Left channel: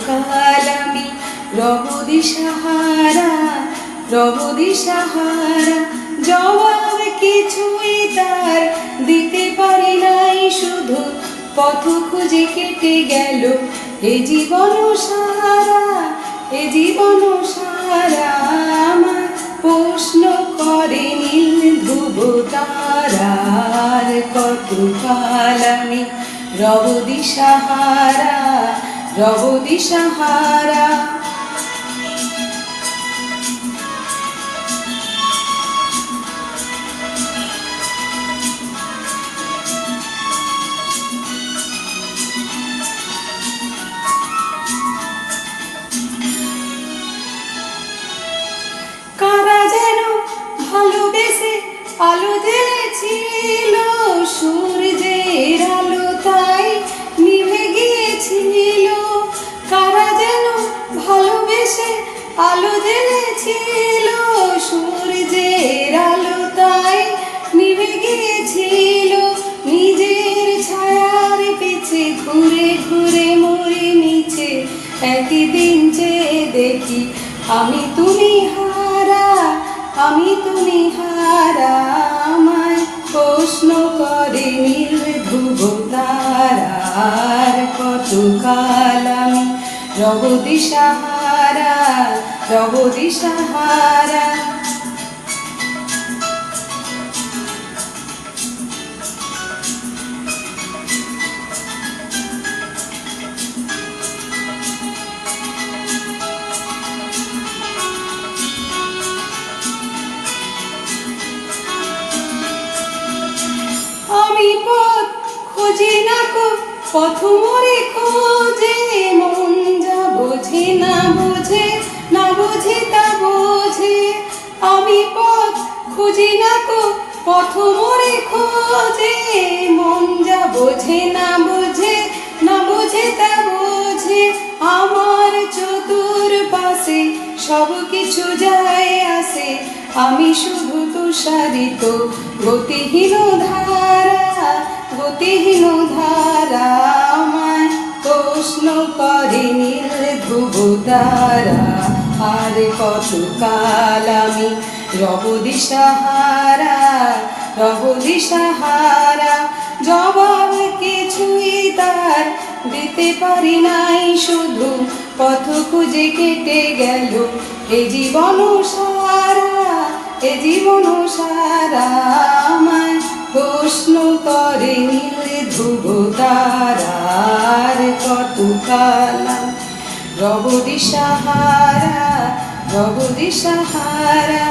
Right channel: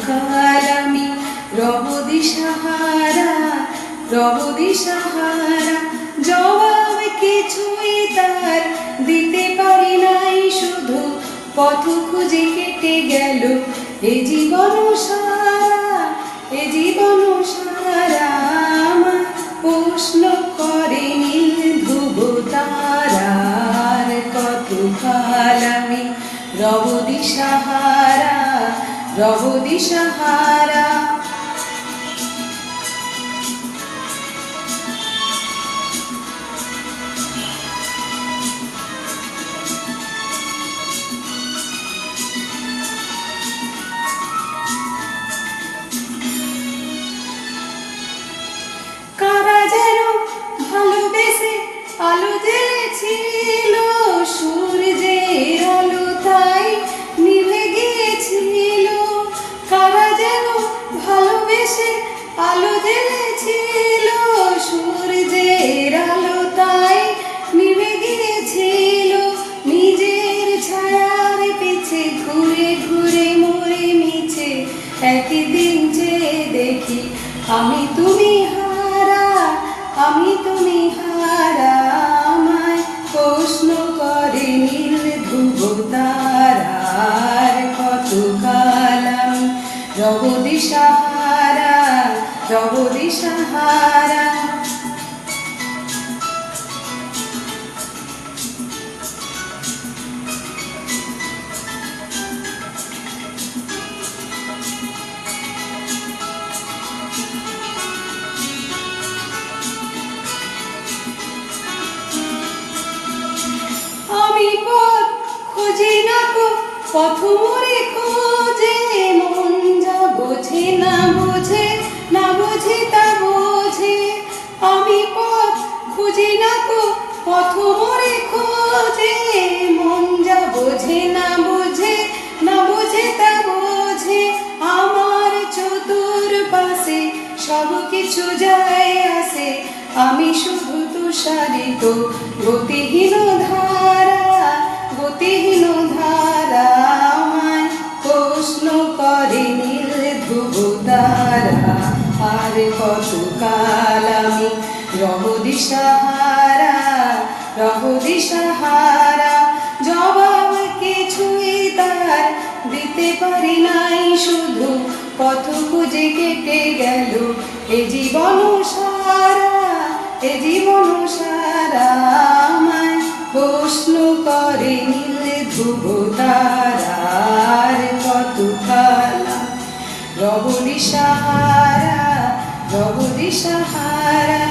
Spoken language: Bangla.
কাল আমি রব দিশাহারা রব দিশাহারা জবাব কিছুই তার দিতে পারি নাই, শুধু পথ খুঁজে কেটে গেল এ জীবন সারা এ জীবন সারা আমার প্রশ্ন করে নীল ধ্রুব তারার কত কাল আমি রব দিশাহারা र আলো জ্বেলেছিল সূর্যের আলো তাই নিভে নিজের ছায়ার পিছে ঘুরে ঘুরে মরে মিছে একই দিন যে দেখি, আমি তুমি হারা, আমি তুমি হারা, আমায় প্রশ্ন করে নির্ভুব তারার কত কাল আমি রব রব দিশাহারা আমি পথ খুঁজি না কো পথ মরে খোঁজে। মন যা বোঝে না বোঝে না বোঝে তা বোঝে। আমার চতুর পাশে সব কিছু যায় আসে। আমি শুধু তুষারিত, গতিহীন ধারা গতিহীন ধারা। আমায় প্রশ্ন করে নীল ধ্রুব তারা, আর কত কাল রব দিশাহারা রব দিশাহারা, জবাব কিছুই তার দিতে পারি নাই। শুধু পথ খুঁজে কেটে গেল এ জীবন সারা, এ জীবন সারা। আমায় প্রশ্ন করে নীল ধ্রুব তারার কত কালা রব দিশাহারা রব দিশাহারা